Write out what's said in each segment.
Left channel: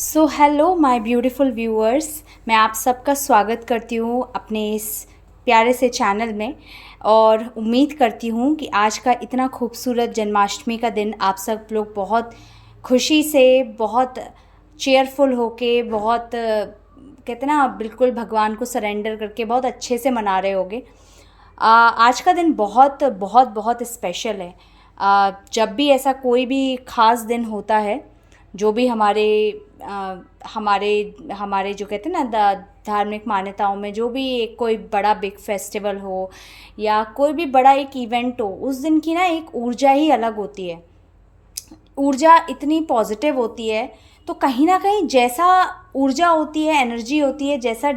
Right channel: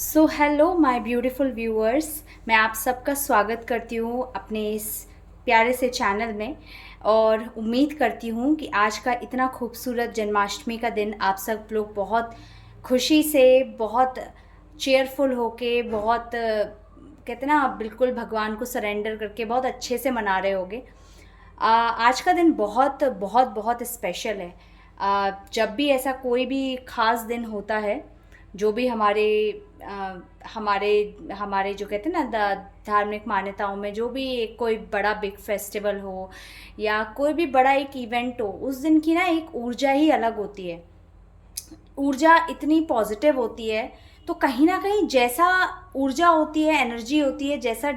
So hello my beautiful viewers. मैं आप सबका स्वागत करती हूँ अपने इस प्यारे से चैनल में और उम्मीद करती हूँ कि आज का इतना खूबसूरत जन्माष्टमी का दिन आप सब लोग बहुत खुशी से, बहुत चेयरफुल होके, बहुत कहते ना बिल्कुल भगवान को सरेंडर करके बहुत अच्छे से मना रहे होगे। आज का दिन बहुत बहुत बहुत स्पेशल है। जब भी ऐसा कोई भी ख़ास दिन होता है, जो भी अ, हमारे हमारे जो कहते हैं ना धार्मिक मान्यताओं में जो भी एक कोई बड़ा बिग फेस्टिवल हो या कोई भी बड़ा एक इवेंट हो, उस दिन की ना एक ऊर्जा ही अलग होती है। ऊर्जा इतनी पॉजिटिव होती है, तो कहीं ना कहीं जैसा ऊर्जा होती है, एनर्जी होती है, जैसा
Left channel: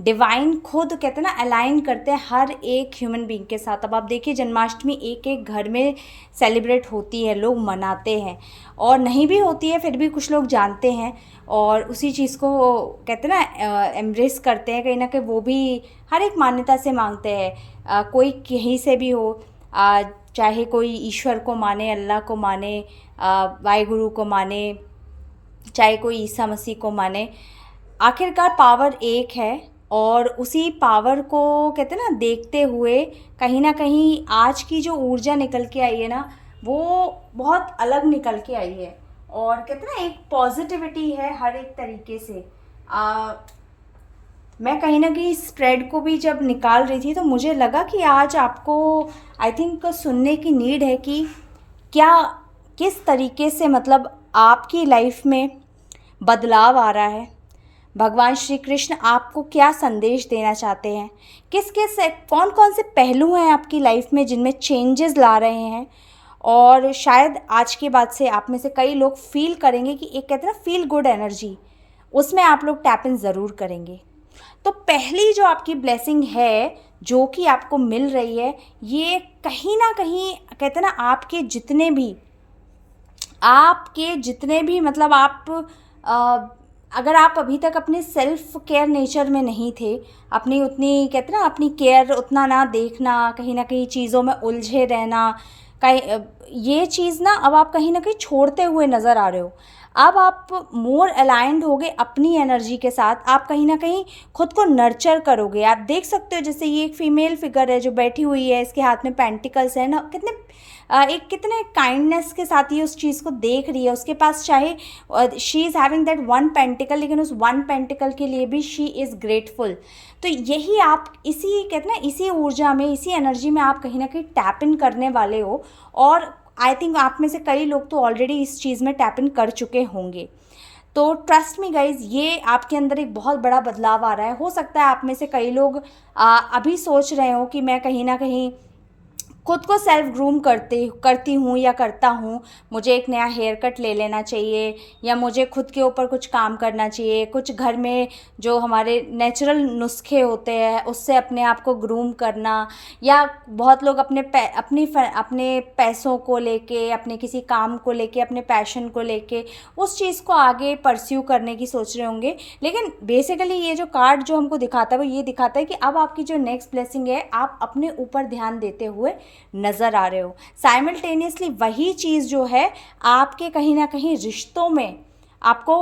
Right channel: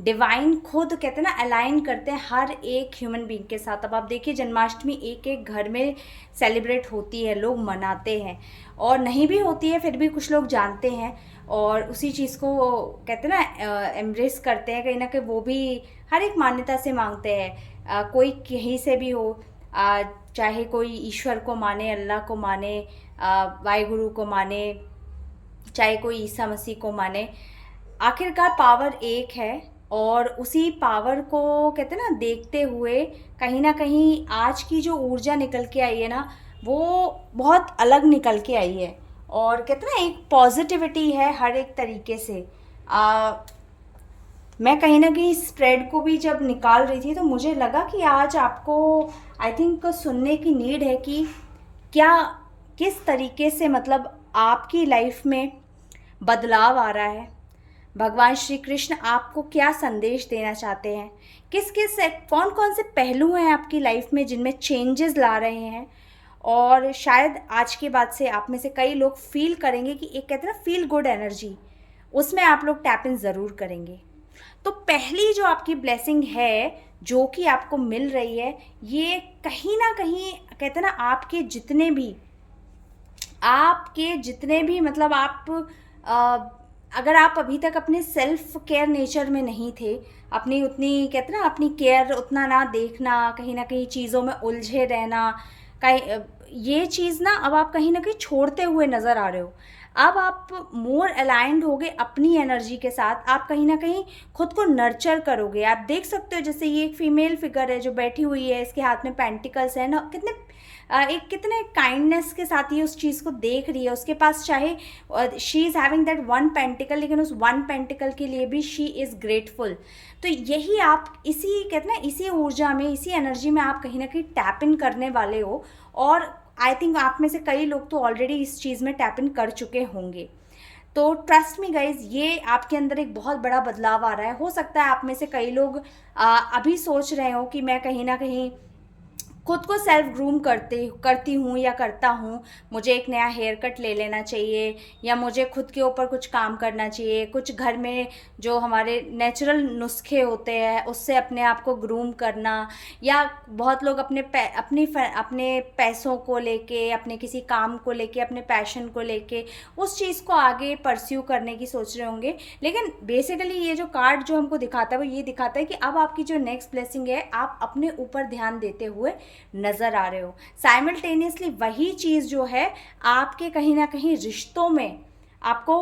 डिवाइन खुद कहते हैं ना अलाइन करते हैं हर एक ह्यूमन बीइंग के साथ। अब आप देखिए, जन्माष्टमी एक एक घर में सेलिब्रेट होती है, लोग मनाते हैं, और नहीं भी होती है फिर भी कुछ लोग जानते हैं और उसी चीज़ को वो कहते हैं ना एम्ब्रेस करते हैं। कहीं ना कहीं वो भी हर एक मान्यता से मांगते हैं। कोई कहीं से भी हो, अ, चाहे कोई ईश्वर को माने, अल्लाह को माने, वाहिगुरु को माने, चाहे कोई ईसा मसीह को माने, आखिरकार पावर एक है। और उसी पावर को कहते हैं ना देखते हुए कहीं ना कहीं आज की जो ऊर्जा निकल के आई है ना, वो बहुत अलग निकल के आई है। और कहते हैं ना एक पॉजिटिविटी है हर एक तरीके से। मैं कहीं ना कहीं स्प्रेड को भी जब निकाल रही थी तो मुझे लगा कि आज आपको आई थिंक सुनने की नीड है कि क्या, किस तरीके से मतलब आपकी लाइफ में बदलाव आ रहा है। भगवान श्री कृष्ण आपको क्या संदेश देना चाहते हैं, किस किस कौन कौन से पहलू हैं आपकी लाइफ में जिनमें चेंजेस ला रहे हैं। और शायद आज के बाद से आप में से कई लोग फील करेंगे कि एक कहते हैं ना फील गुड एनर्जी, उसमें आप लोग टैप इन ज़रूर करेंगे। तो पहली जो आपकी ब्लेसिंग है, जो कि आपको मिल रही है, ये कहीं ना कहीं कहते हैं ना आपके जितने भी मतलब आप अगर आप अभी तक अपने सेल्फ केयर नेचर में नहीं थे, अपनी उतनी कहते हैं ना अपनी केयर उतना ना देखना, कहीं ना कहीं चीज़ों में उलझे रहना, कहीं ये चीज़ ना अब आप कहीं ना कहीं छोड़ते हुए नज़र आ रहे हो। अब आप मोर अलाइंड होगे अपनी एनर्जी के साथ, आप कहीं ना कहीं खुद को नर्चर करोगे। आप देख सकते हो जैसे ये एक फीमेल फिगर है जो बैठी हुई है, इसके हाथ में पेंटिकल्स है ना, कितने एक कितने काइंडनेस के साथ ये उस चीज़ को देख रही है। उसके पास चाहे she is having that one pentacle, लेकिन उस वन पेंटिकल के लिए भी शी इज़ ग्रेटफुल। तो यही आप इसी कहते हैं ना इसी ऊर्जा में, इसी एनर्जी में आप कहीं ना कहीं टैप इन करने वाले हो। और आई थिंक आप में से कई लोग तो ऑलरेडी इस चीज़ में टैप इन कर चुके होंगे। तो ट्रस्ट मी गाइज, ये आपके अंदर एक बहुत बड़ा बदलाव आ रहा है। हो सकता है आप में से कई लोग अभी सोच रहे हो कि मैं कहीं ना कहीं खुद को सेल्फ ग्रूम करती हूँ या करता हूँ, मुझे एक नया हेयर कट ले लेना चाहिए, या मुझे खुद के ऊपर कुछ काम करना चाहिए, कुछ घर में जो हमारे नेचुरल नुस्खे होते हैं उससे अपने आप को ग्रूम करना। या बहुत लोग अपने पैसों को लेके, अपने किसी काम को लेके, अपने पैशन को लेके उस चीज़ को आगे परस्यू करने की सोच रहे होंगे। लेकिन बेसिकली ये जो कार्ड जो हमको दिखाता है वो ये दिखाता है कि अब आपकी जो नेक्स्ट ब्लेसिंग है, आप अपने ऊपर ध्यान देते हुए नज़र आ रहे हो। साइमल्टेनियसली वही चीज़ जो है आपके कहीं ना कहीं रिश्तों में आपको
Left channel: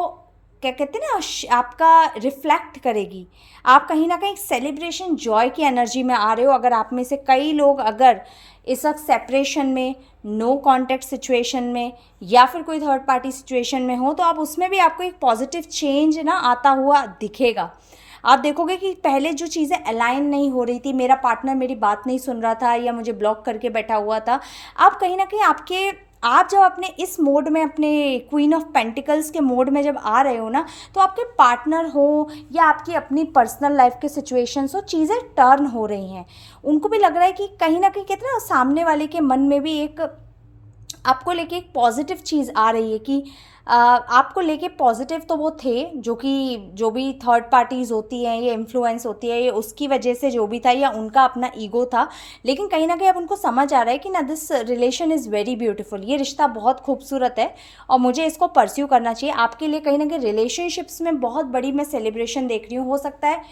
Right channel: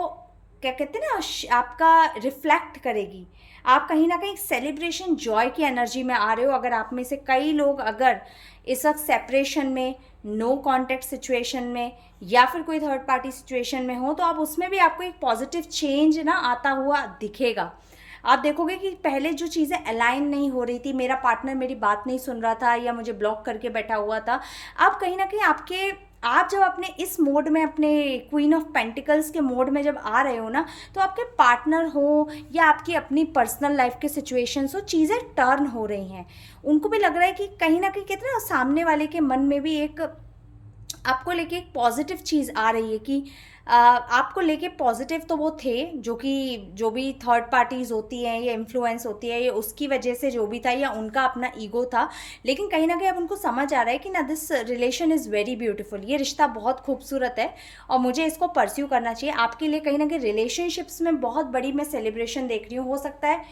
क्या कहते हैं ना आपका रिफ्लेक्ट करेगी। आप कहीं ना कहीं सेलिब्रेशन जॉय की एनर्जी में आ रहे हो। अगर आप में से कई लोग अगर इस वक्त सेपरेशन में, नो कॉन्टेक्ट सिचुएशन में, या फिर कोई थर्ड पार्टी सिचुएशन में हो, तो आप उसमें भी आपको एक पॉजिटिव चेंज ना आता हुआ दिखेगा। आप देखोगे कि पहले जो चीज़ें अलाइन नहीं हो रही थी, मेरा पार्टनर मेरी बात नहीं सुन रहा था या मुझे ब्लॉक करके बैठा हुआ था, आप कहीं ना कहीं आप जब अपने इस मोड में, अपने क्वीन ऑफ पेंटिकल्स के मोड में जब आ रहे हो ना, तो आपके पार्टनर हो या आपकी अपनी पर्सनल लाइफ के सिचुएशंस हो, चीज़ें टर्न हो रही हैं। उनको भी लग रहा है कि कहीं ना कहीं कहते हैं ना सामने वाले के मन में भी एक आपको लेके एक पॉजिटिव चीज़ आ रही है कि आपको लेके पॉजिटिव तो वो थे, जो कि जो भी थर्ड पार्टीज़ होती हैं, ये इन्फ्लुएंस होती है, ये उसकी वजह से जो भी था, या उनका अपना ईगो था। लेकिन कहीं ना कहीं अब उनको समझ आ रहा है कि ना this relation is very beautiful, ये रिश्ता बहुत खूबसूरत है और मुझे इसको परस्यू करना चाहिए। आपके लिए कहीं ना कहीं रिलेशनशिप्स में बहुत बड़ी मैं सेलिब्रेशन देख रही हूँ। हो सकता है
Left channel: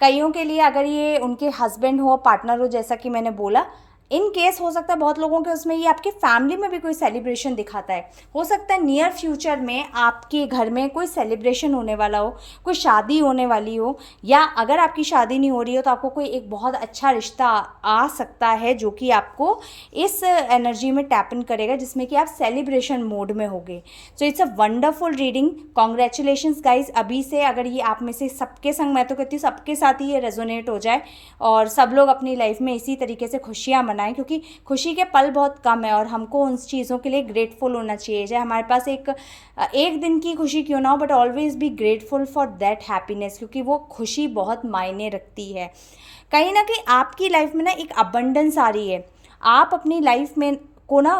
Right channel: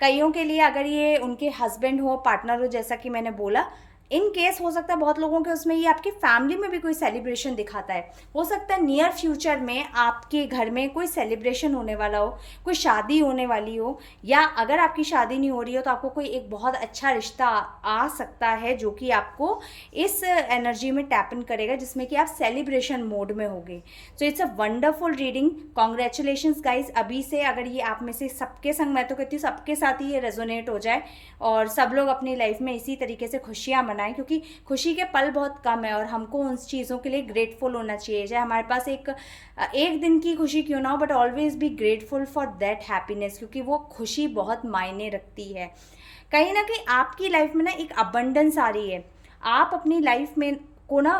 कईयों के लिए अगर ये उनके हस्बैंड हो, पार्टनर हो, जैसा कि मैंने बोला इन केस हो सकता है बहुत लोगों के उसमें ये आपकी फैमिली में भी कोई सेलिब्रेशन दिखाता है। हो सकता है नियर फ्यूचर में आपके घर में कोई सेलिब्रेशन होने वाला हो, कोई शादी होने वाली हो, या अगर आपकी शादी नहीं हो रही हो तो आपको कोई एक बहुत अच्छा रिश्ता आ सकता है जो कि आपको इस एनर्जी में टैप इन करेगा, जिसमें कि आप सेलिब्रेशन मोड में होगे। So it's a wonderful reading, congratulations guys. अभी से अगर ये आप में से सबके संग, मैं तो कहती हूँ सबके साथ ही ये रेजोनेट हो जाए और सब लोग अपनी लाइफ में इसी तरीके से खुशियाँ मनाएं, क्योंकि खुशी के पल बहुत कम है और हमको उन चीज़ों के लिए ग्रेटफुल होना चाहिए। चाहे हमारे पास एक दिन की खुशी क्यों ना हो, but always be grateful for that happiness, क्योंकि वो खुशी बहुत मायने रखती है। कहीं ना कहीं आपकी लाइफ में ना एक अबंडेंस आ रही है, आप अपनी लाइफ में को ना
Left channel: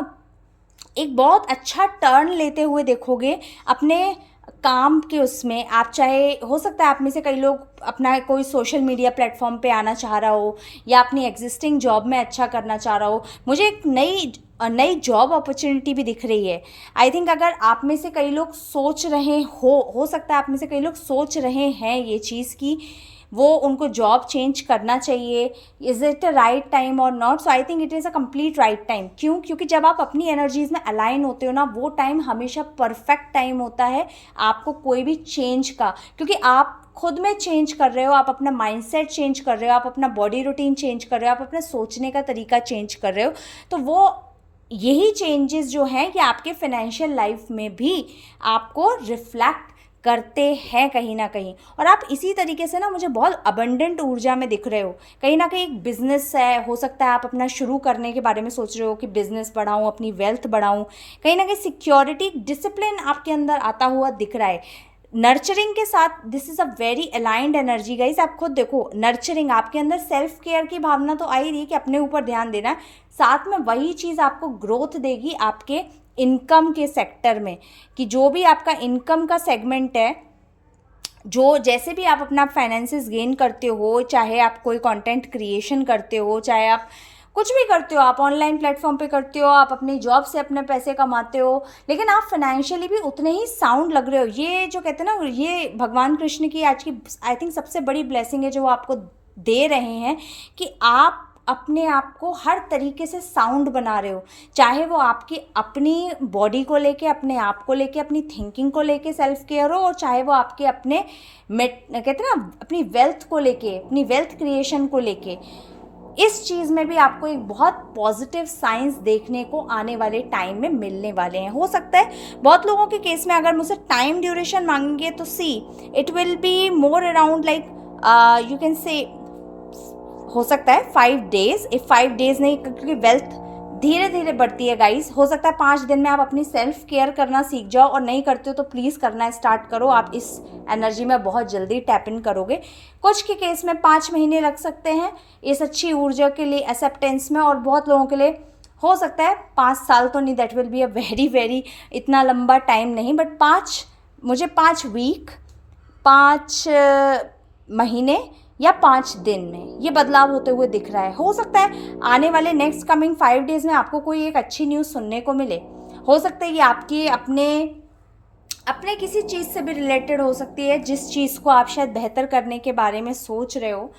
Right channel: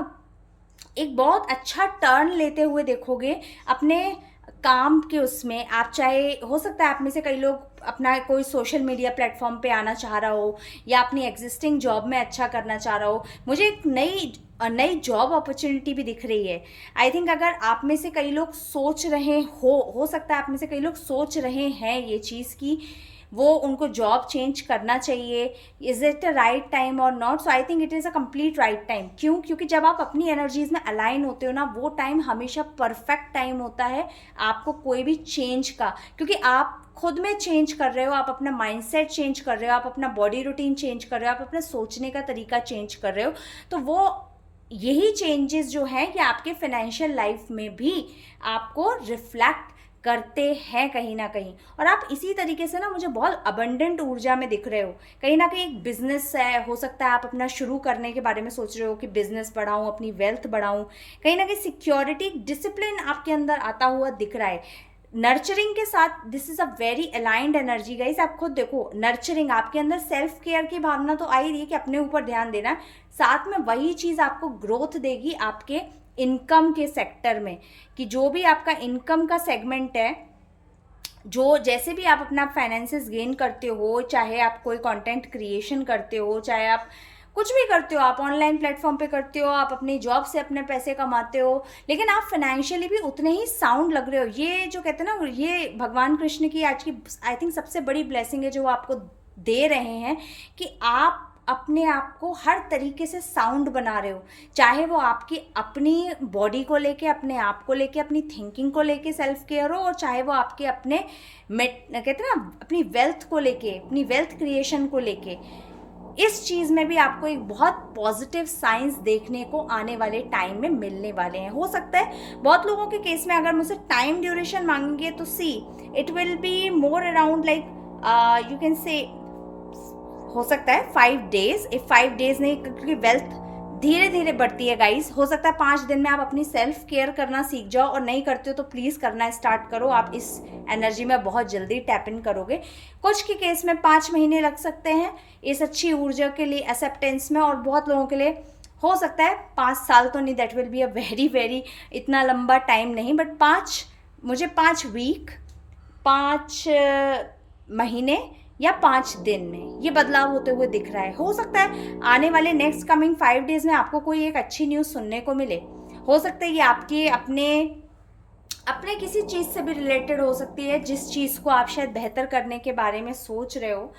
एक बहुत अच्छा टर्न लेते हुए देखोगे अपने काम के उसमें। आप चाहे, हो सकता है आप में से कई लोग अपना कोई सोशल मीडिया प्लेटफॉर्म पे आना चाह रहा हो, या अपनी एग्जिस्टिंग जॉब में अच्छा करना चाह रहा हो। मुझे एक नई जॉब अपॉर्चुनिटी भी दिख रही है। आई थिंक अगर आप में से कई लोग सोच रहे हो सकता है आप में से कई लोग सोच रहे हैं ये चीज़ की वो उनको जॉब चेंज करना चाहिए, is it a right time और not. So I think it is a complete right time. क्यों? क्योंकि जब आप अपनी एनर्जीज में अलाइन होते हो ना, वो टाइम हमेशा परफेक्ट टाइम होता है आपको कोई भी चेंज का, क्योंकि आप खुद में चेंज कर रहे हो, आप अपना माइंडसेट चेंज कर रहे हो, आप अपना बॉडी रूटीन चेंज कर रहे हो, आप अपना सोचने का तरीका चेंज कर रहे हो। तो वो यही चेंजेस जो हैं कि आपके फाइनेंशियल लाइफ में भी आपको रिफ्लेक्ट करते हैं कहीं ना कहीं। और आप इसी तरीके से ना मुझे बहुत अबंडेंट ऊर्जा में दिख रहे हो। कहीं ना कहीं एक बिजनेस है, हो सकता है आप अपना शुरू करने के बारे में सोच रहे हो कि बिजनेस बढ़ाऊं, अपनी वेल्थ बढ़ाऊं। कहीं ना कहीं सिक्योरिटी, डिसिप्लिन आपके अंदर आता हुआ दिख रहा है। नर्चरिंग के साथ this is a very aligned energy guys. आप खुद देखो, नर्चरिंग, आपके अंदर सेल्फ केयर की भावना तो आ ही रही है कि अपने ऊपर ध्यान देना है, साथ में वही चीज़ आपको ग्रोथ देगी आपके इनकम के सेक्टर में, कि जो भी आपका इनकम का सेगमेंट है, जो जैसे भी आप अपना फाइनेंसेस गेन करते हो, चाहे आप कोई कंटेंट क्रिएशन करते हो, चाहे आप कुछ भी करते हो, आप ऑनलाइन प्लेटफॉर्म पे करते हो, आप अपनी जॉब से अपने पैसे कमाते हो, लेकिन आप फाइनेंशियली भी उतने ही साउंड लग रहे हो। ये जो कहते हैं ना, ये भगवान कृष्ण की आज की आई थिंक सबसे बड़ी ब्लेसिंग है जो वो आपको दे रहे हैं, कि आप अपने आप को हर तरीके से साउंड बना रहे हो। चाहे वो आपकी अपनी बॉडी को लेके, अपने आप को लेके, अपनी थिंकिंग को लेके सेल्फ केयर हो, और चाहे वो आपके अपने कहते हैं ना अपनी वेल्थ को लेके, अपनी वेल्थ क्रिएशन को लेके। इस चीज़ में भी आपको एक बहुत पॉजिटिव साइंस देखने को आने वाले टाइम में मिलने वाले हैं। हो सकता है बहुत लोगों के केस में अगर मुझसे टाइम ड्यूरेशन मांगेंगे तो see it will be more around like you can say, हो सकता है 5 डेज, 5 डेज नहीं, क्योंकि वेल्थ धीरे धीरे बढ़ती है गाइस। हो सकता है 5 दिन में आप अपनी सेल्फ केयर करना सीख जाओ, और नहीं करते हो तो प्लीज़ करना स्टार्ट करो। आप इस एनर्जी में बहुत जल्दी टैप इन करोगे। कुछ के केस में 5 महीने लग सकते हैं इस अच्छी ऊर्जा के लिए एक्सेप्टेंस में, और बहुत लोगों के लिए हो सकता है 5 साल तो नहीं, that will be a very इतना लंबा टाइम नहीं, बट 5 वीक, 5 महीने या 5 दिन में ये बदलाव होते हुए दिख रहा है। हो सकता है आने वाले नेक्स्ट कमिंग 5 डेज में आपको कोई एक अच्छी न्यूज़ सुनने को मिले। हो सकता है ये आपके अपने किसी चीज़ से भी रिलेटेड हो सकती है, जिस चीज़ को आप शायद बेहतर करने के बारे में सोच रहे हो।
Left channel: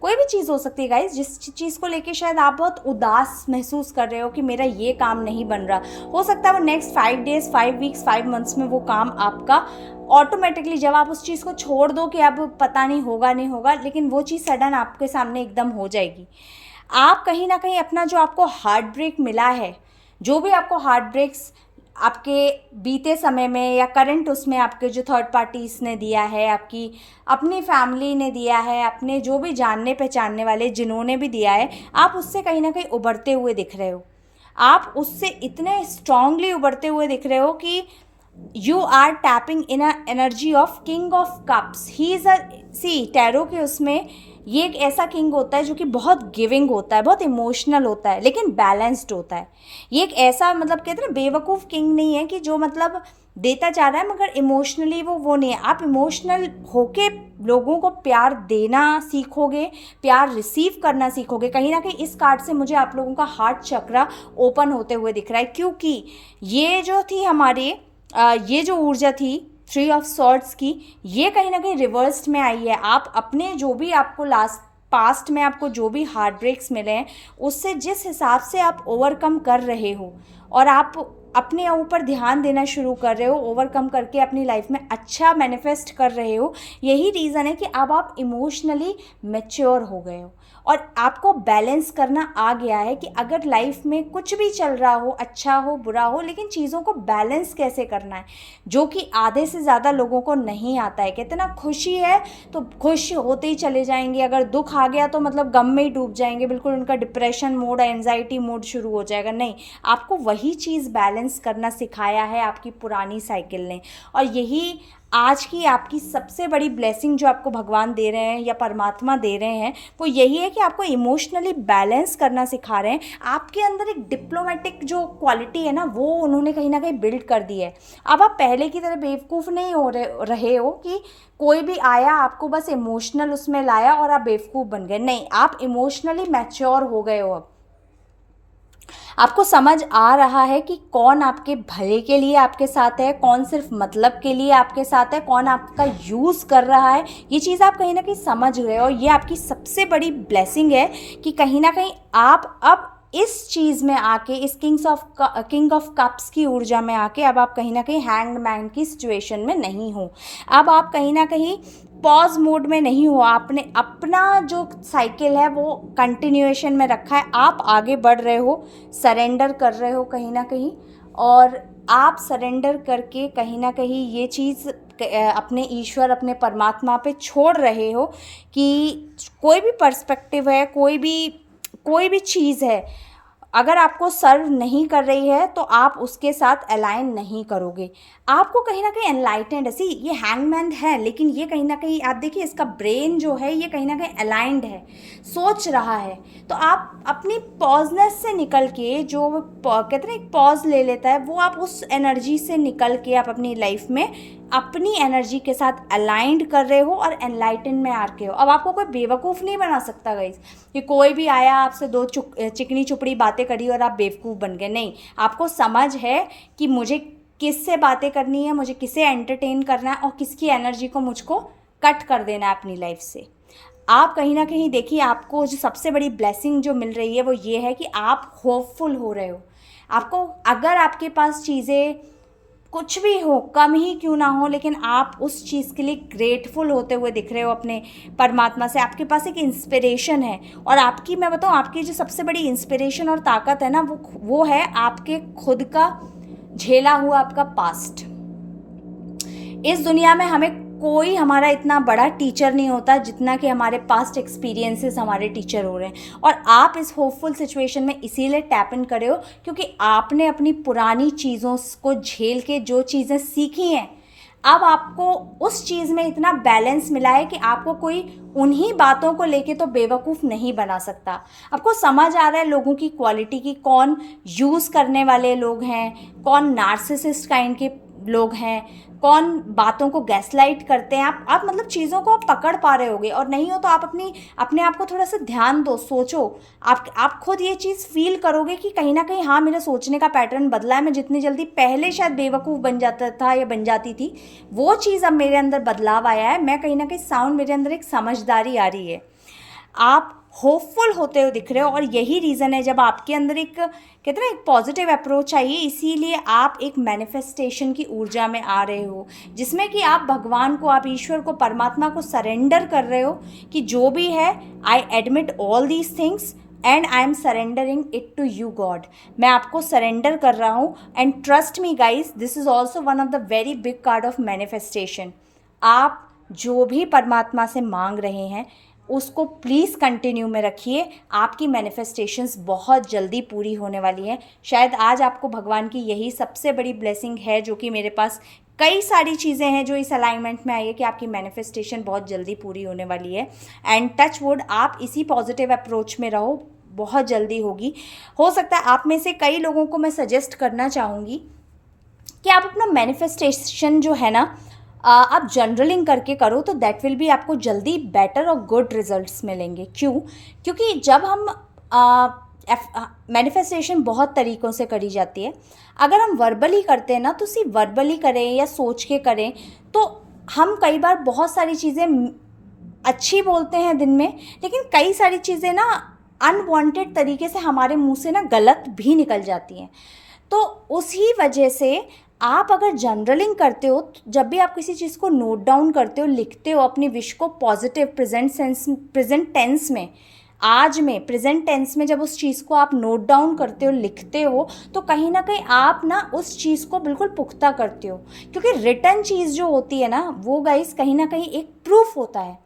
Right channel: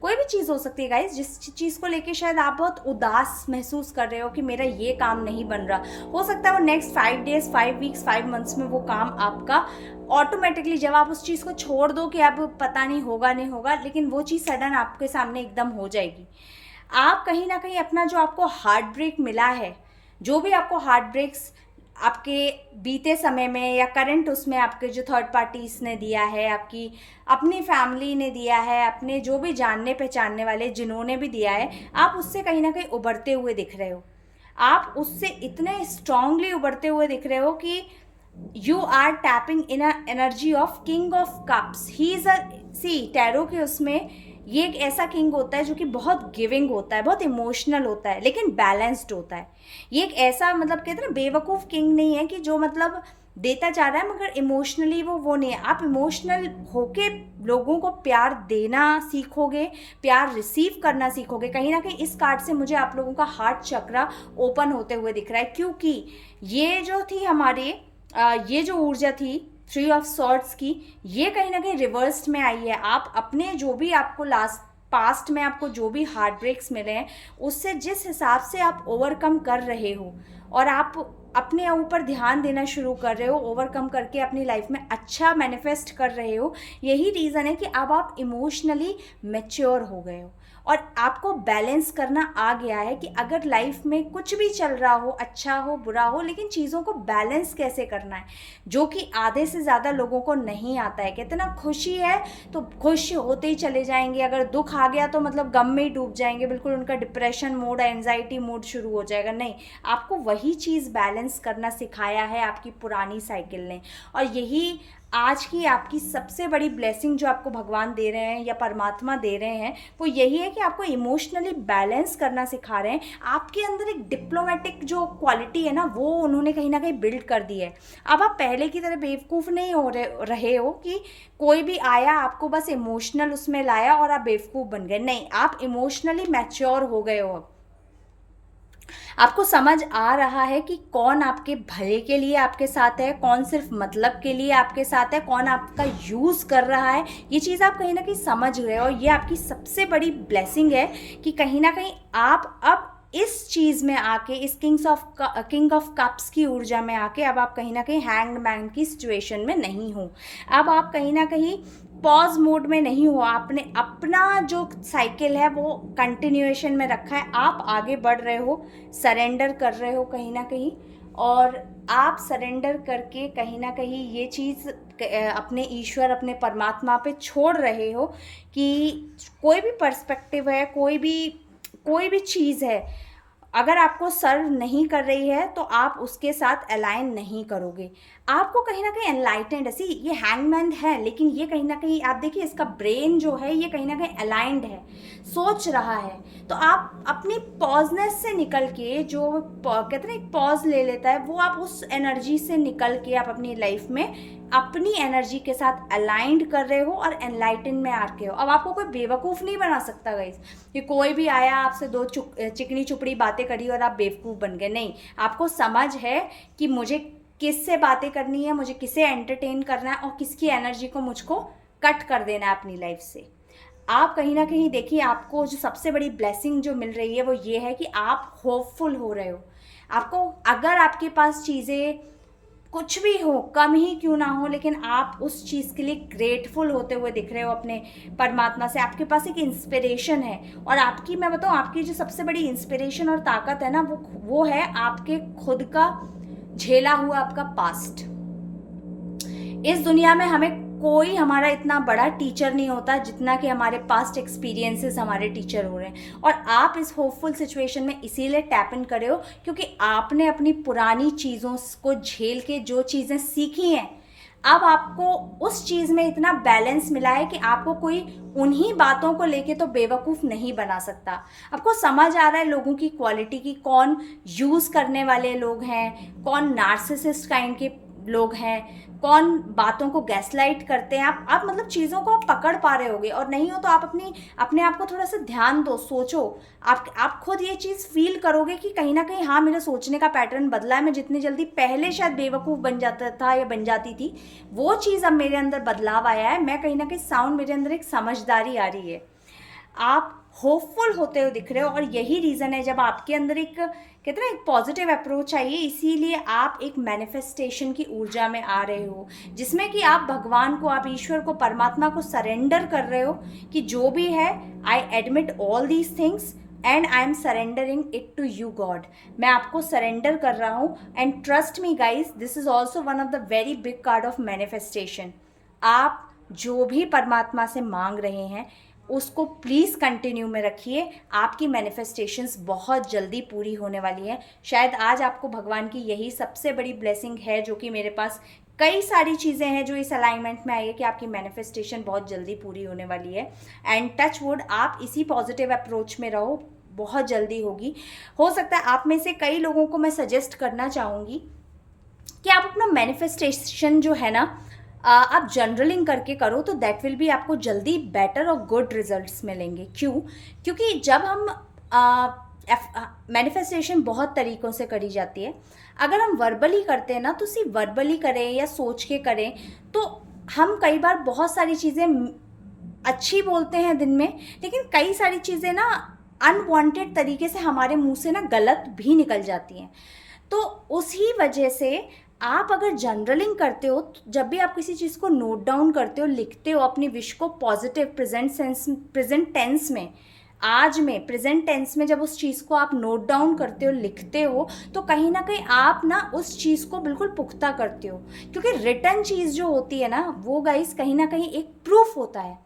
कोई भी चीज़ हो सकती है गाइज, जिस चीज़ को लेके शायद आप बहुत उदास महसूस कर रहे हो कि मेरा ये काम नहीं बन रहा। हो सकता है वो नेक्स्ट 5 डेज, 5 वीक्स, 5 मंथ्स में वो काम आपका ऑटोमेटिकली, जब आप उस चीज़ को छोड़ दो कि अब पता नहीं होगा नहीं होगा, लेकिन वो चीज़ सडन आपके सामने एकदम हो जाएगी। आप कहीं ना कहीं अपना जो आपको हार्ट ब्रेक मिला है, जो भी आपको हार्ट ब्रेक्स आपके बीते समय में या करंट उसमें आपके जो थर्ड पार्टीज ने दिया है, आपकी अपनी फैमिली ने दिया है, अपने जो भी जानने पहचानने वाले जिन्होंने भी दिया है, आप उससे कहीं ना कहीं उभरते हुए दिख रहे हो। आप उससे इतने स्ट्रांगली उभरते हुए दिख रहे हो कि you are tapping in a energy of king of cups. He is a see tarot के उसमें ये एक ऐसा किंग होता है जो कि बहुत गिविंग होता है, बहुत इमोशनल होता है, लेकिन बैलेंस्ड होता है। ये एक ऐसा मतलब कहते हैं ना बेवकूफ़ किंग नहीं है कि जो मतलब देता जा रहा है मगर इमोशनली वो नहीं है। आप इमोशनल होके लोगों को प्यार देना सीखोगे, प्यार रिसीव करना सीखोगे। कहीं ना कहीं इस कार्ड से मुझे आप लोगों का हार्ट चक्रा ओपन होते हुए दिख रहा है, क्योंकि ये जो थी हमारे ये जो ऊर्जा थी 3 ऑफ सॉर्ड्स की, ये कहीं ना कहीं रिवर्स्ड में आई है। आप अपने जो भी आपको लास्ट पास्ट में आपको जो भी हार्ट ब्रेक्स मिले हैं उससे जिस हिसाब से आप ओवरकम कर रहे हो और आप अपने ऊपर ध्यान देना शुरू कर रहे हो, ओवरकम करके अपनी लाइफ में अच्छा मैनिफेस्ट कर रहे हो, यही रीज़न है कि अब आप इमोशनली मैच्योर हो गए हो और आपको बैलेंस करना आ गया है कि अगर लाइफ में कुछ भी चल रहा हो, अच्छा हो बुरा हो, लेकिन चीज़ों को बैलेंस कैसे करना है, जो कि आधे से ज़्यादा लोगों को नहीं आता है। कहते ना, खुशी है तो खुश होते ही चले जाएंगे, अगर दुख आ गया तो मतलब गम में ही डूब जाएंगे, बिल्कुल उनका डिप्रेशन मोड, एंजाइटी मोड शुरू हो जाएगा। नहीं, आपको वही चीज़ बैलेंस करना सिखाया है आपकी पुरानी साइकिल ने, और यही आज की आपकी सबसे बड़ी ब्लेसिंग जो आपको भगवान दे रहे हैं या परमात्मा दे रहे हैं, वो यही है कि आपको इमोशनली बैलेंस करना सिखा रहे हैं। आपके अंदर एक डिप्लोमेटिक जो क्वालिटी है ना, वो उन्होंने कहीं ना कहीं बिल्ड कर दी है। अब आप पहले की तरह बेवकूफ़ नहीं हो रहे हो कि कोई भी आया आपको बस इमोशनल उसमें लाया और आप बेवकूफ़ बन गए। नहीं, आप इमोशनली मैच्योर हो गए हो। अब आपको समझ आ रहा है कि कौन आपके भले के लिए आपके साथ है, कौन सिर्फ मतलब के लिए आपके साथ है, कौन आपका यूज़ कर रहा है। ये चीज़ आप कहीं ना कहीं समझ गए हो। ये आपकी सबसे बड़ी ब्लेसिंग है कि कहीं ना कहीं आप अब इस चीज़ में आके, इस किंग ऑफ कप्स की ऊर्जा में आके अब आप कहीं ना कहीं हैंग्ड मैन की सिचुएशन में नहीं हो। अब आप कहीं ना कहीं पॉज मोड में नहीं हो। आपने अपना जो साइकिल है वो कंटिन्यूएशन में रखा है, आप आगे बढ़ रहे हो, सरेंडर कर रहे हो कहीं ना कहीं, और आप सरेंडर करके कहीं ना कहीं ये चीज़ अपने ईश्वर, अपने परमात्मा पे छोड़ रहे हो कि कोई भी पर्सपेक्टिव है, कोई भी चीज़ है, अगर आपको सर्व नहीं कर रही है तो आप उसके साथ अलाइन नहीं करोगे। आपको कहीं ना कहीं एनलाइटेंड, ऐसी ये हैंगमैन है, लेकिन ये कहीं ना कहीं आप देखिए इसका ब्रेन जो है ये कहीं ना कहीं अलाइंड है, सोच रहा है। तो आप अपनी पॉजनेस से निकल के, जो कहते हैं एक पॉज ले लेता है, वो आप उस एनर्जी से निकल के आप अपनी लाइफ में अपनी एनर्जी के साथ अलाइंड कर रहे हो और एनलाइटन में आ रहे हो। अब आपको कोई बेवकूफ़ नहीं बना सकता गाइस कि कोई भी आया आपसे दो चिकनी चुपड़ी बातें करी और आप बेवकूफ़ बन गए। नहीं, आपको समझ है कि मुझे किससे बातें करनी है, मुझे किसे एंटरटेन करना है और किसकी एनर्जी को मुझको कट कर देना है अपनी लाइफ से। आप कहीं ना कहीं देखिए, आपको जो सबसे बड़ी ब्लेसिंग जो मिल रही है वो ये है कि आप होपफुल हो रहे हो। आपको, अगर आपके पास चीज़ें कुछ भी हो, कम ही क्यों ना हो, लेकिन आप उस चीज़ के लिए ग्रेटफुल होते हुए दिख रहे हो अपने परमात्मा से। आपके पास एक इंस्पिरेशन है, और आपकी, मैं बताऊँ, आपकी जो सबसे बड़ी इंस्पिरेशन और ताकत है ना, वो है आपके खुद का झेला हुआ आपका पास्ट। इस दुनिया में हमें कोई हमारा इतना बड़ा टीचर नहीं होता जितना कि हमारे पास्ट एक्सपीरियंसेस हमारे टीचर हो रहे हैं। और आप इस होपफुल सिचुएशन में इसीलिए टैप इन करे हो क्योंकि आपने अपनी पुरानी चीज़ों को झेल के जो चीज़ें सीखी हैं, अब आपको उस चीज़ में इतना बैलेंस मिला है कि आपको कोई उन्हीं बातों को लेके तो बेवकूफ़ नहीं बना सकता। आपको समझ आ रहा है लोगों की क्वालिटी की, कौन यूज़ करने वाले लोग हैं, कौन नार्सिसिस्ट काइंड के लोग हैं, कौन बातों को गैसलाइट करते हैं। आप मतलब चीज़ों को आप पकड़ पा रहे होगे, और नहीं हो तो आप अपने आप को थोड़ा सा ध्यान दो, सोचो। आप खुद ये चीज़ फील करोगे कि कहीं ना कहीं हाँ, मेरा सोचने का पैटर्न बदला है। मैं जितनी जल्दी पहले शायद बेवकूफ़ बन जाता था या बन जाती थी, वो चीज़ अब मेरे अंदर बदलाव आया है। मैं कहीं ना कहीं साउंड, मेरे अंदर एक समझदारी आ रही है। आप होपफुल होते हुए दिख रहे हो, और यही रीज़न है जब आपके अंदर एक, कहते हैं ना, एक पॉजिटिव अप्रोच चाहिए, इसीलिए आप एक मैनिफेस्टेशन की ऊर्जा में आ रहे हो, जिसमें कि आप भगवान को, आप ईश्वर को, परमात्मा को सरेंडर कर रहे हो कि जो भी है, I admit all these things and I am surrendering it to you God. मैं आपको सरेंडर कर रहा हूँ, and trust me guys, this is also one of the very big card of manifestation. आप जो भी परमात्मा से मांग रहे हैं उसको प्लीज़ कंटिन्यू में रखिए। आपकी मैनिफेस्टेशंस बहुत जल्दी पूरी होने वाली है। शायद आज आपको भगवान की यही सबसे बड़ी ब्लेसिंग है, जो कि मेरे पास कई सारी चीज़ें हैं जो इस अलाइनमेंट में आई है कि आपकी मैनिफेस्टेशन बहुत जल्दी पूरी होने वाली है। एंड टच वुड, आप इसी पॉजिटिव अप्रोच में रहो, बहुत जल्दी होगी। हो सकता है आप में से कई लोगों को मैं सजेस्ट करना चाहूँगी कि आप अपना मैनिफेस्टेशन जो है ना, आप जर्नलिंग करके करो, तो दैट विल बी, आपको जल्दी बेटर और गुड रिजल्ट्स मिलेंगे। क्यों? क्योंकि जब हम मैनिफेस्टेशन बहुत तरीक़ों से करी जाती है। अगर हम वर्बली करते हैं ना, तो सिर्फ वर्बली करें या सोच के करें, तो हम कई बार बहुत सारी चीज़ें अच्छी बोलते हैं दिन में, लेकिन कई सारी चीज़ें ना अनवांटेड तरीके से हमारे मुंह से ना गलत भी निकल जाती हैं। तो उसी वजह से आप अगर जर्नलिंग करते हो, तो जब भी आप किसी चीज़ को नोट डाउन करते हो, लिखते हो अपनी विश को पॉजिटिव प्रेजेंट टेंस में, आज में प्रेजेंट टेंस में जब उस चीज़ को आप नोट डाउन करते हो, लिखते हो, तो कहीं ना कहीं आप ना उस चीज़ को बिल्कुल पुख्ता करते हो। क्योंकि रिटर्न चीज़ जो होती है ना, वो गाइस कहीं ना कहीं एक प्रूफ होता है।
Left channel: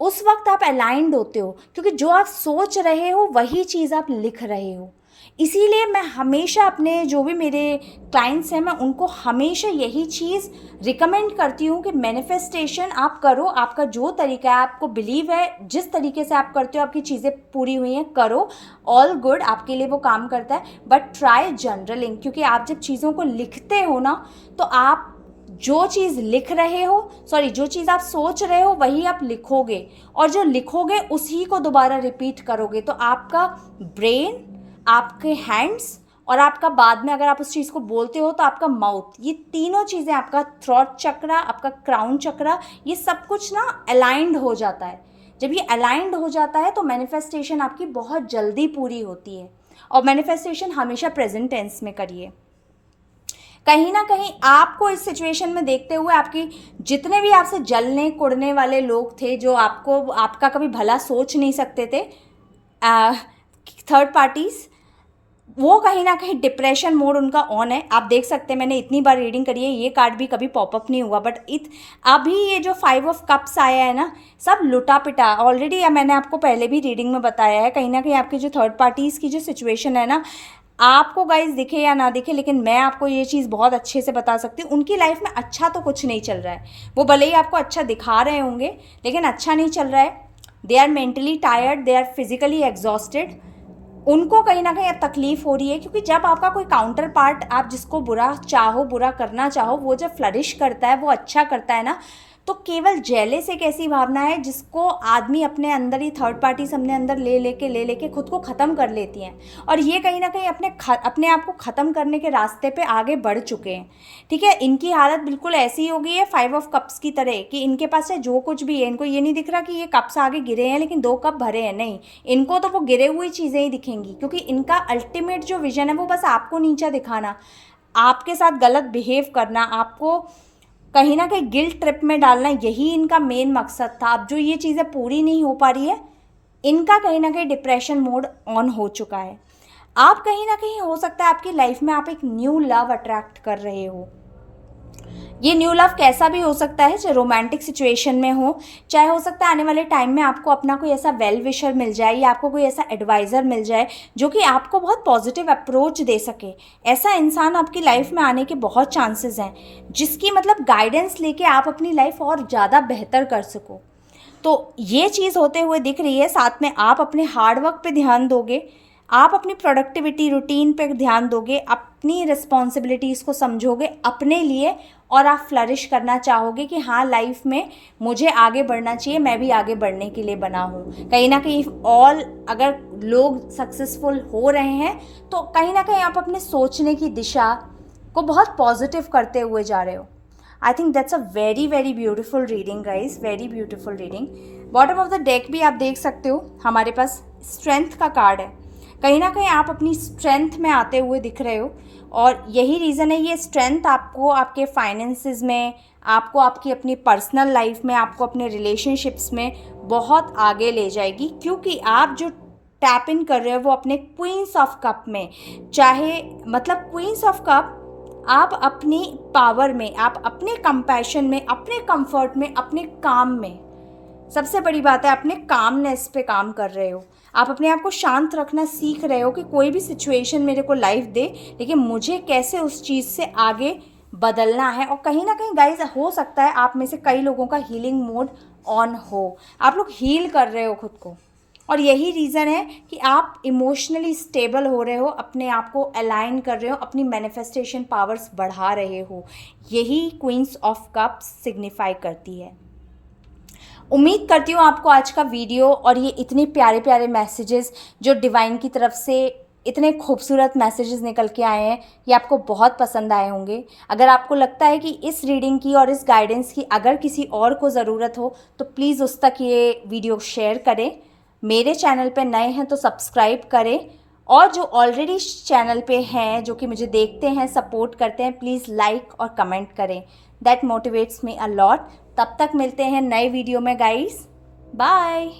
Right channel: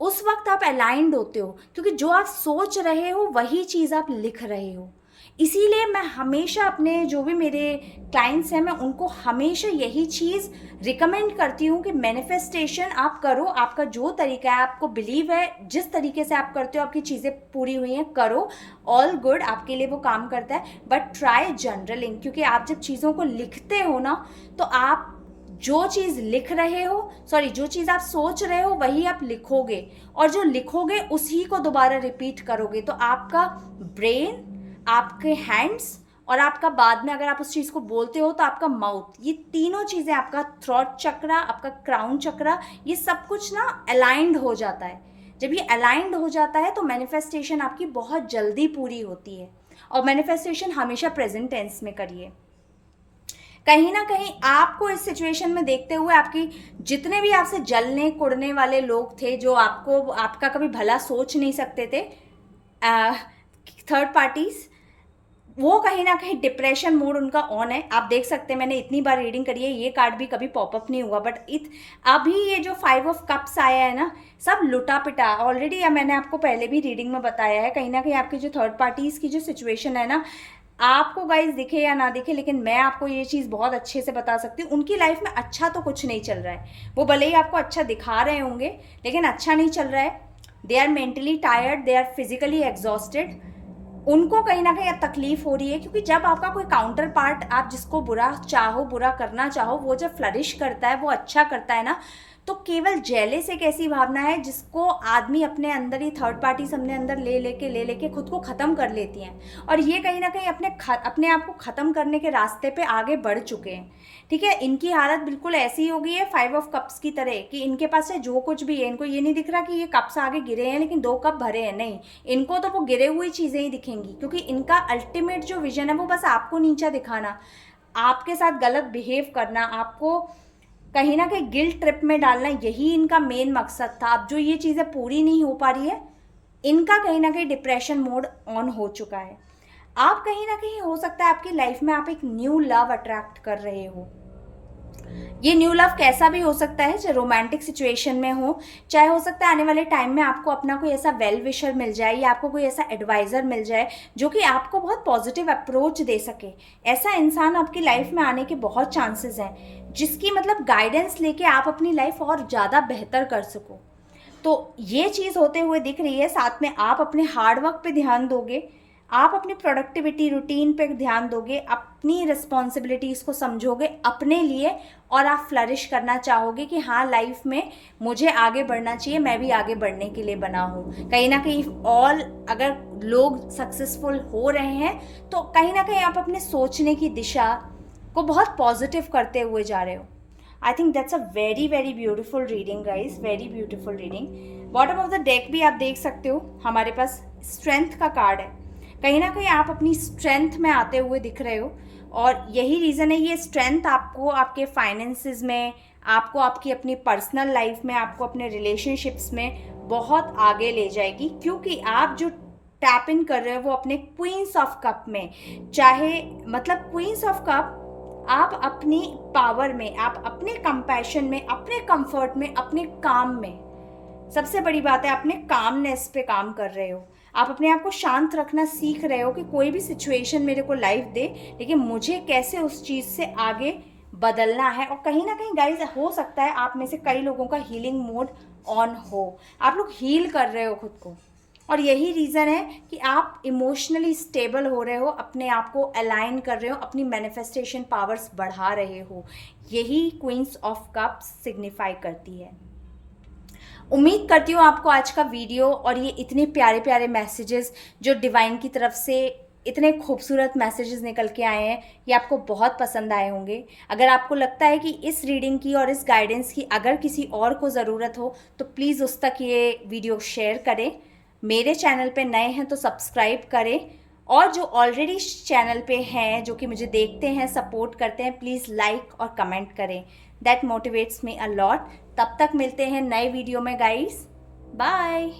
उस वक्त आप अलाइंड होते हो, क्योंकि जो आप सोच रहे हो वही चीज़ आप लिख रहे हो। इसीलिए मैं हमेशा अपने जो भी मेरे क्लाइंट्स हैं, मैं उनको हमेशा यही चीज़ रिकमेंड करती हूँ कि मैनिफेस्टेशन आप करो, आपका जो तरीका है, आपको बिलीव है, जिस तरीके से आप करते हो आपकी चीज़ें पूरी हुई हैं, करो, ऑल गुड, आपके लिए वो काम करता है। बट ट्राई जर्नलिंग, क्योंकि आप जब चीज़ों को लिखते हो ना, तो आप जो चीज़ लिख रहे हो, जो चीज़ आप सोच रहे हो वही आप लिखोगे, और जो लिखोगे उसी को दोबारा रिपीट करोगे। तो आपका ब्रेन, आपके हैंड्स, और आपका बाद में अगर आप उस चीज़ को बोलते हो तो आपका माउथ, ये तीनों चीज़ें, आपका थ्रॉट चक्रा, आपका क्राउन चक्रा, ये सब कुछ ना अलाइंड हो जाता है। जब ये अलाइंड हो जाता है तो मैनिफेस्टेशन आपकी बहुत जल्दी पूरी होती है। और मैनिफेस्टेशन हमेशा प्रेजेंट टेंस में करिए। कहीं ना कहीं आपको इस सिचुएशन में देखते हुए आपकी जितने भी आपसे जलने कुड़ने वाले लोग थे, जो आपका कभी भला सोच नहीं सकते थे, थर्ड पार्टीज, वो कहीं ना कहीं डिप्रेशन मोड उनका ऑन है। आप देख सकते हैं, मैंने इतनी बार रीडिंग करी है, ये कार्ड भी कभी पॉपअप नहीं हुआ, बट अभी ये जो 5 ऑफ कप्स आया है ना, सब लुटा पिटा ऑलरेडी, या मैंने आपको पहले भी रीडिंग में बताया है, कहीं ना कहीं आपकी जो थर्ड पार्टीज़ की जो सिचुएशन है ना, आपको गाइस दिखे या ना दिखे, लेकिन मैं आपको ये चीज़ बहुत अच्छे से बता सकती हूँ, उनकी लाइफ में अच्छा तो कुछ नहीं चल रहा है। वो भले ही आपको अच्छा दिखा रहे होंगे, लेकिन अच्छा नहीं चल रहा है। They are mentally tired, they are physically exhausted. उनको कहीं ना कहीं तकलीफ हो रही है, क्योंकि जब आपका कोई काउंटर पार्ट, आप जिसको बुरा चाहो, बुरा करना चाहो, वो जब फ्लरिश करता है, वो अच्छा करता है ना, तो केवल जेलस एक ऐसी भावना है जिसको आदमी अपने अंदर ही, थर्ड पार्टी अपने अंदर ले लेके खुद को ख़त्म कर लेती हैं। और ये कहीं ना कहीं अपने आप को ख़त्म करने के रास्ते पे आगे बढ़ चुके हैं। ठीक है, इनकी हालत बिल्कुल ऐसी हो गई है 5 ऑफ कप्स की तरह, कि इनके पास है जो कुछ भी है, इनको ये नहीं दिख रहा कि ये कप्स आगे गिरे हैं लेकिन 2 कप भरे हैं, नहीं, इनको तो वो गिरे हुई चीज़ें ही दिखेंगी, क्योंकि इनका अल्टीमेट जो विजन है वो बस आपको नीचा दिखाना, आपके साथ गलत बिहेव करना, आपको कहीं ना कहीं गिल्ट ट्रिप में डालना, यही इनका मेन मकसद था। अब जो ये चीज़ें पूरी नहीं हो पा रही है, इनका कहीं ना कहीं डिप्रेशन मोड ऑन हो चुका है। आप कहीं ना कहीं, हो सकता है आपकी लाइफ में आप एक न्यू लव अट्रैक्ट कर रहे हो। ये न्यू लव कैसा भी हो सकता है, चाहे रोमांटिक सिचुएशन में हो, चाहे हो सकता है आने वाले टाइम में आपको अपना कोई ऐसा वेल विशर मिल जाए, या आपको कोई ऐसा एडवाइज़र मिल जाए जो कि आपको बहुत पॉजिटिव अप्रोच दे सके। ऐसा इंसान आपकी लाइफ में आने के बहुत चांसेस हैं, जिसकी मतलब गाइडेंस लेके आप अपनी लाइफ और ज़्यादा बेहतर कर सको। तो ये चीज़ होते हुए दिख रही है। साथ में आप अपने हार्ड वर्क पे ध्यान दोगे, आप अपनी प्रोडक्टिविटी रूटीन पे ध्यान दोगे, अपनी रिस्पॉन्सिबिलिटीज़ को समझोगे अपने लिए, और आप फ्लरिश करना चाहोगे कि हाँ, लाइफ में मुझे आगे बढ़ना चाहिए, मैं भी आगे बढ़ने के लिए बना हूँ। कहीं ना कहीं अगर लोग सक्सेसफुल हो रहे हैं, तो कहीं ना कहीं आप अपने सोचने की दिशा को बहुत पॉजिटिव करते हुए जा रहे हो। I think that's a very very beautiful reading guys, very beautiful reading. Bottom of the deck भी आप देख सकते हो, हमारे पास स्ट्रेंथ का कार्ड है। कहीं ना कहीं आप अपनी स्ट्रेंथ में आते हुए दिख रहे हो, और यही रीज़न है, ये स्ट्रेंथ आपको आपके फाइनेंसेस में, आपको आपकी अपनी पर्सनल लाइफ में, आपको अपने रिलेशनशिप्स में बहुत आगे ले जाएगी, क्योंकि आप जो टैप इन कर रहे हो वो अपने क्वींस ऑफ कप में, चाहे मतलब क्वींस ऑफ कप, आप अपनी पावर में, आप अपने कंपैशन में, अपने कंफर्ट में, अपने काम में, सबसे बड़ी बात है अपने कामनेस पे काम कर रहे हो। आप अपने आप को शांत रखना सीख रहे हो कि कोई भी सिचुएशन मेरे को लाइफ दे, लेकिन मुझे कैसे उस चीज़ से आगे बदलना है। और कहीं ना कहीं गाइज, हो सकता है आप में से कई लोगों का हीलिंग मोड ऑन हो, आप लोग हील कर रहे हो खुद को, और यही रीज़न है कि आप इमोशनली स्टेबल हो रहे हो, अपने आप को अलाइन कर रहे हो, अपनी मैनिफेस्टेशन पावर्स बढ़ा रहे हो। यही क्वींस ऑफ कप्स सिग्निफाई करती है। उम्मीद करती हूँ आपको आज का वीडियो और ये इतने प्यारे प्यारे मैसेजेस जो डिवाइन की तरफ से इतने खूबसूरत मैसेजेस निकल के आए हैं, ये आपको बहुत पसंद आए होंगे। अगर आपको लगता है कि इस रीडिंग की और इस गाइडेंस की अगर किसी और को ज़रूरत हो तो प्लीज़ उस तक ये वीडियो शेयर करें। मेरे चैनल पे नए हैं तो सब्सक्राइब करें, और जो ऑलरेडी चैनल पे हैं, जो कि मुझे देखते हैं, सपोर्ट करते हैं, प्लीज़ लाइक और कमेंट करें। That motivates me a lot. तब तक मिलते हैं नए वीडियो में गाइस। बाय।